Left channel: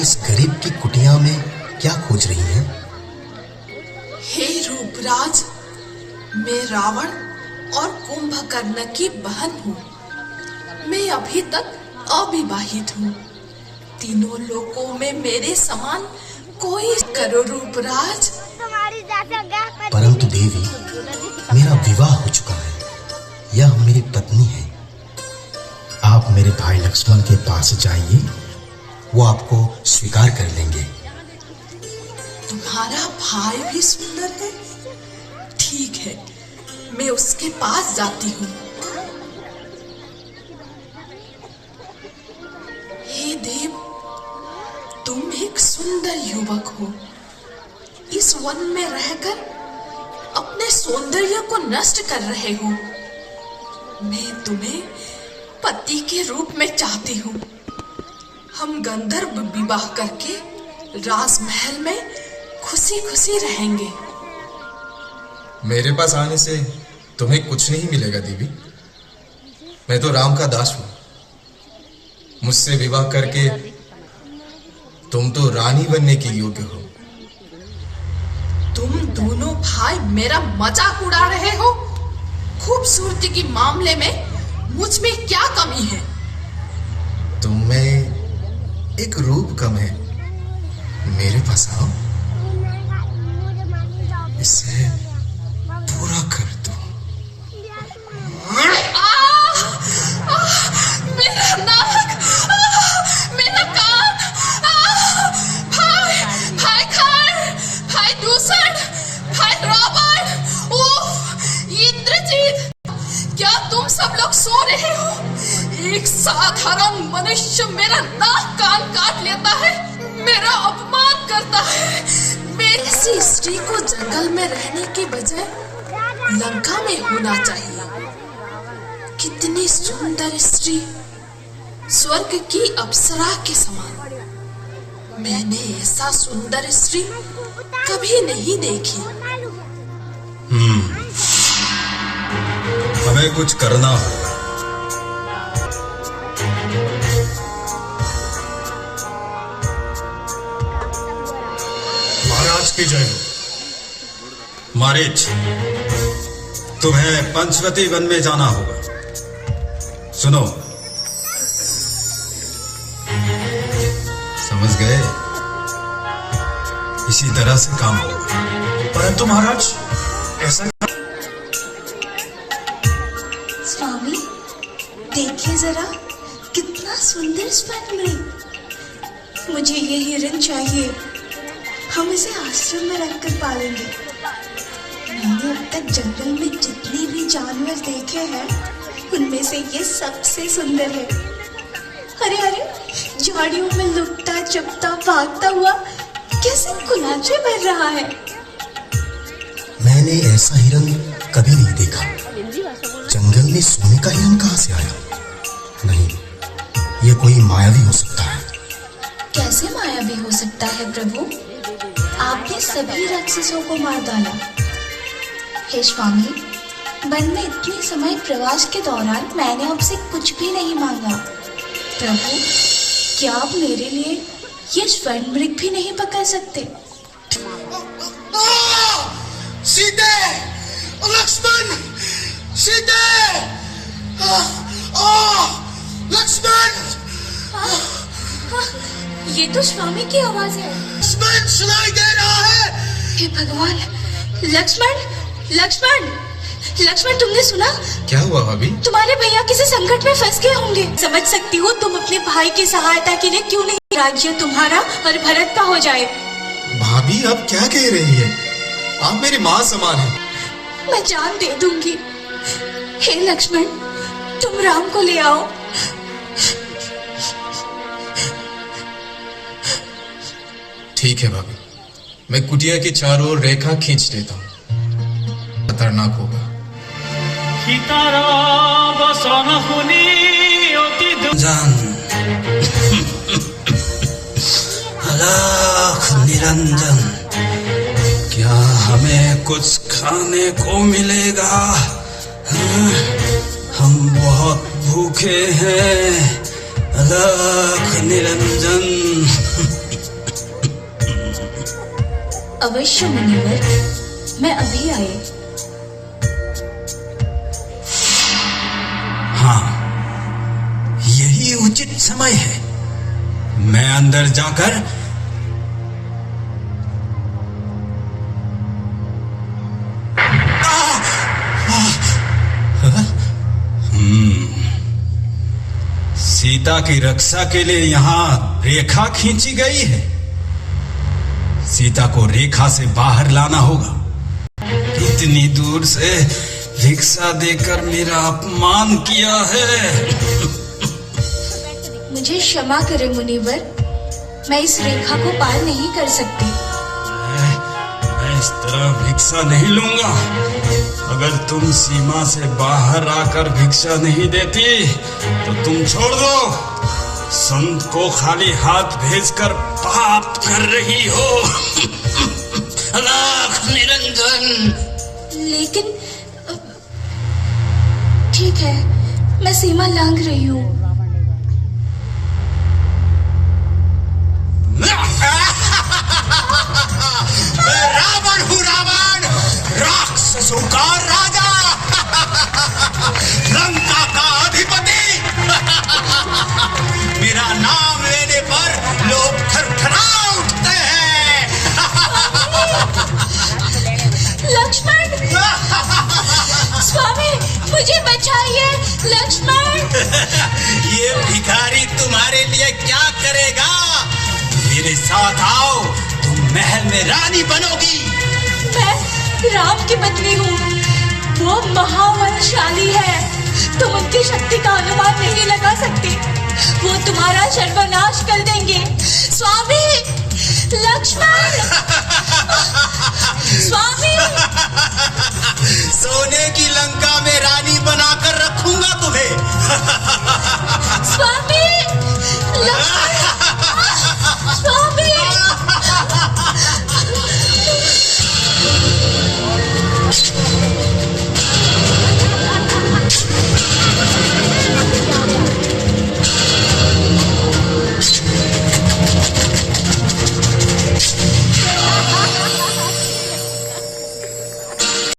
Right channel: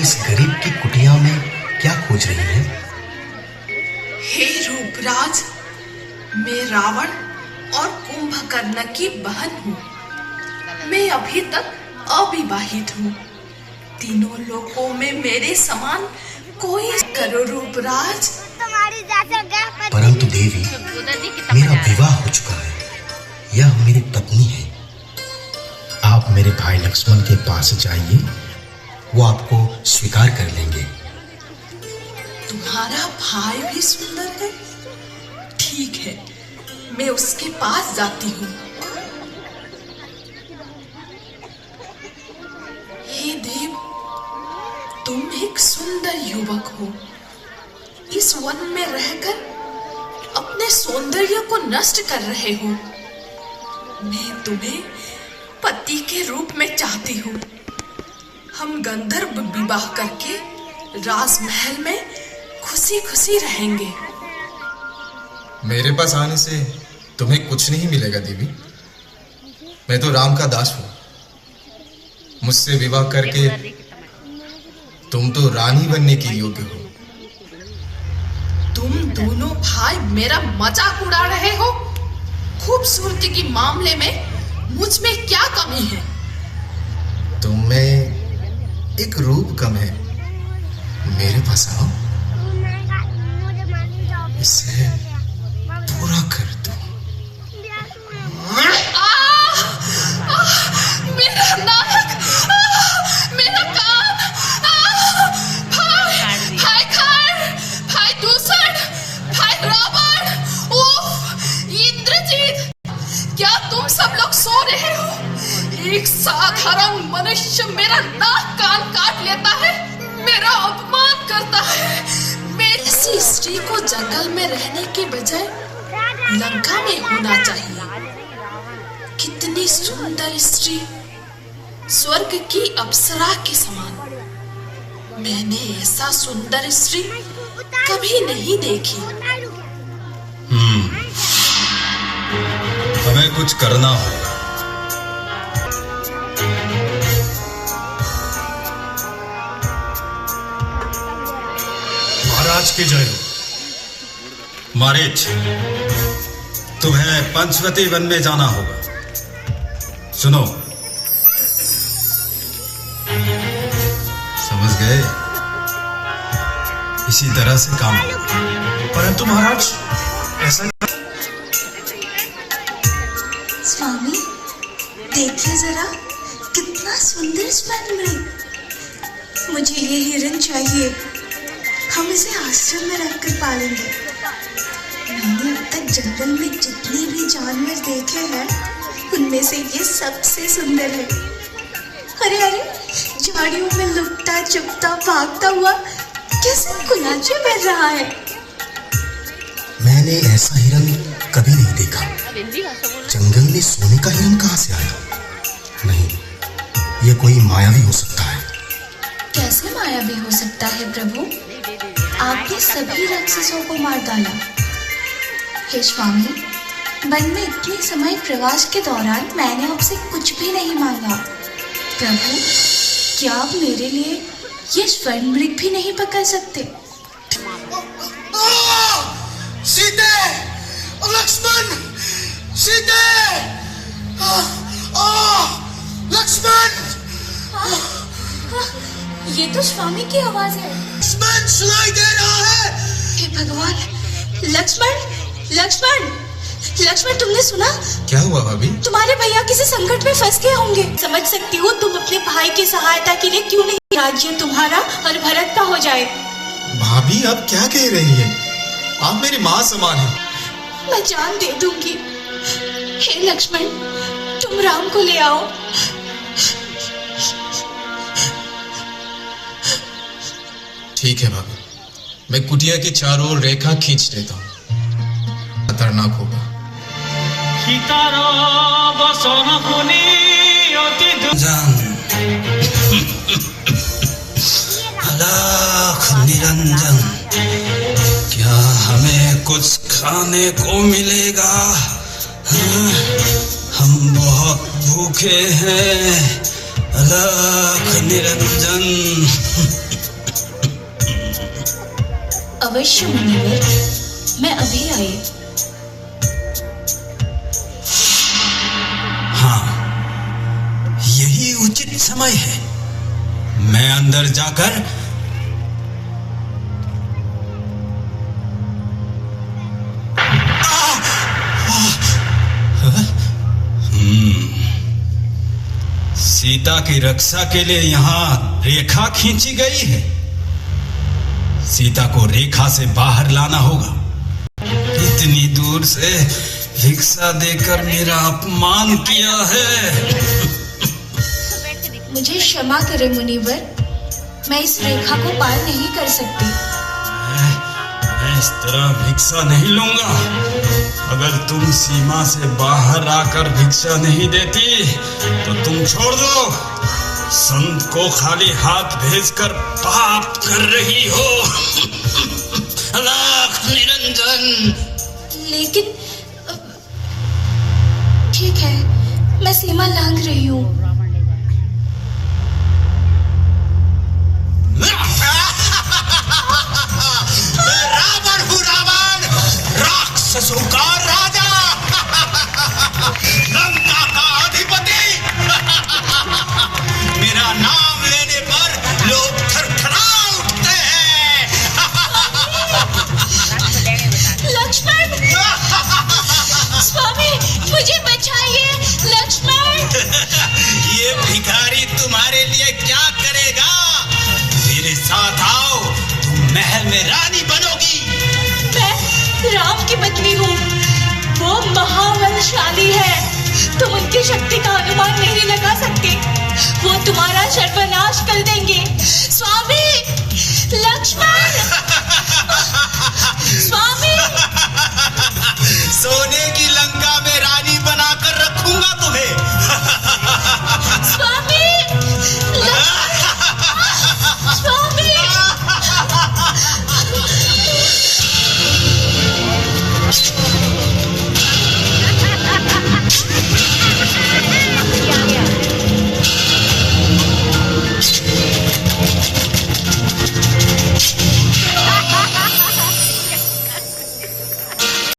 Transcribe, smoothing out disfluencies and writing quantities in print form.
इस गरीब की कुटिया में क्या खोज रही है? हे रूपराज, मैं रावण और कुंभकर्ण की बहन हूँ। मैं अभी तक अविवाहित हूँ। तीनों लोकों में मेरे समान कोई करो रूपराज। परंतु देवी, मेरा विवाह हो चुका है। यह मेरी पत्नी है। आप मेरे भाई लक्ष्मण के पास जाइए, वो आपको स्वीकार कर लेंगे। तुम्हारा भाई भी सुंदर है? ठीक है, मैं उसके पास जाती हूँ। हे देव, तुम एक सुंदर युवक हो। इस वन में रहकर अपने सौंदर्य को नष्ट कर रहे हो। मैं तुम्हें पति के रूप में चाहती हूँ। हम गंधर्व विवाह करके राजमहल में खुशी खुशी रहेंगे। मेरे पास आने से तुम्हें कुछ नहीं मिलेगा देवी। मैं तो राम का दास हूँ। मुझसे विवाह करके तुम तो रानी बनने के योग्य हो। तुम दोनों भाई मेरा मजाक उड़ा रहे हो। खूबसूरती के मामले में मुझ में क्या कमी है? तुम में एक रूप कम है। मेरे पास आओ, इसे पूरा कर दो। मेरा नाक, मेरा कान, भाई खान, भाई दूषण, भाई रावण, इंद्रजीत, क्या तुम सब लोग सो रहे हो? एक साधारण मनुष्य मेरा नाक कान काट लेता है, मेरा अपमान करता है। ऐसी स्त्री को जंगल में रहने के बजाय लंका में होना चाहिए। कितनी सुंदर स्त्री, स्वर्ग की अप्सरा के समान। मैंने ऐसा सुंदर स्त्री कभी नहीं देखी। हमें कुछ करना होगा। महाराज की जय हो। मारीच, तुम्हें पंचवती वन में जाना होगा। सुनो, समझ गए? इसी तरह से काम होगा। परंतु महाराज ऐसा। स्वामी, देखिए जरा, कितना सुंदर स्वर्ण। मुझे ये हिरण चाहिए। हम इसे आश्रम में रखकर पालेंगे। मैंने अब तक जंगल में जितने भी जानवर देखे हैं, उनमें से ये सबसे सुंदर है। अरे अरे, झाड़ियों में लुकता चुपता भागता हुआ कैसे कुलाचे कर रहा है। मैंने ऐसा हिरन कभी नहीं देखा। जंगल में सोने का हिरन कहाँ से आया? नहीं, ये कोई मायावी हो सकता है। कैसे मायावी हो सकता है प्रभु? आपने सभी राक्षसों को मार डाला। हे स्वामी, वन में इतने समय प्रवास के दौरान मैंने आपसे कुछ भी नहीं मांगा। प्रभु, क्या आप मेरे लिए ये स्वर्ण मृग भी नहीं पकड़ सकते? सीते, लक्ष्मण, सीते, लक्ष्मण। ये तो स्वामी की आवाज है। लक्ष्मण सुनाई दे रहा है। हे भगवान, लक्ष्मण, लक्ष्मण, लक्ष्मण, तुमने सुना? क्या हुआ भाभी? तुम्हारे भैया किसी संकट में फंस गए होंगे। समझ सकती हो तुम अपने भाई की सहायता के लिए क्यों नहीं राज्य तुम्हारा और भरत का हो जाए। भाभी, आप क्या कह रही हैं? आप मेरी माँ समान हैं। मैं जान दे दूंगी। हे लक्ष्मण, तुम राम को ले आओ। ठीक है भाभी, मैं कुटिया के चारों ओर रेखा खींच देता हूँ। खतरनाक होगा। अलख निरंजन, क्या हमें कुछ खाने को मिलेगा? हम बहुत भूखे हैं। अलख निरंजन। अवश्य मुनिवर, मैं अभी आई। हाँ, यही उचित समय है। मैं अंदर जाकर सीता की रक्षा के लिए यहाँ रेखा खींची गई है। सीता को रेखा से बाहर लाना होगा। इतनी दूर से भिक्षा देकर मेरा अपमान किया है। मुझे क्षमा करें मुनिवर, मैं इस रेखा को पार नहीं कर सकती। मैं इस तरह भिक्षा नहीं लूंगा। अगर तुम सीमा से बाहर आकर भिक्षा नहीं देती तो तुम छोड़ दो। संत को खाली हाथ भेजकर पाप कर रही हो। लाख निरंजन। लेकिन ठीक है, मैं सीमा लांघ रही हूँ। रावण हूँ, रावण, राक्षसों का राजा, लंका का अधिपति। मेरा नाम लेने पर लोग थरथरा उठते हैं। लक्ष्मण! स्वामी, मुझे बचाइए, लक्ष्मण! ये भिखारी तुम्हारे लिए क्या करेगा? मेरे साथ आओ, तुम महल में रानी बनोगी। मैं राम की पत्नी हूँ। वो महाबलशाली है, तुम उनकी शक्ति का अनुमान नहीं लगा सकती। वो तुम्हारा सर्वनाश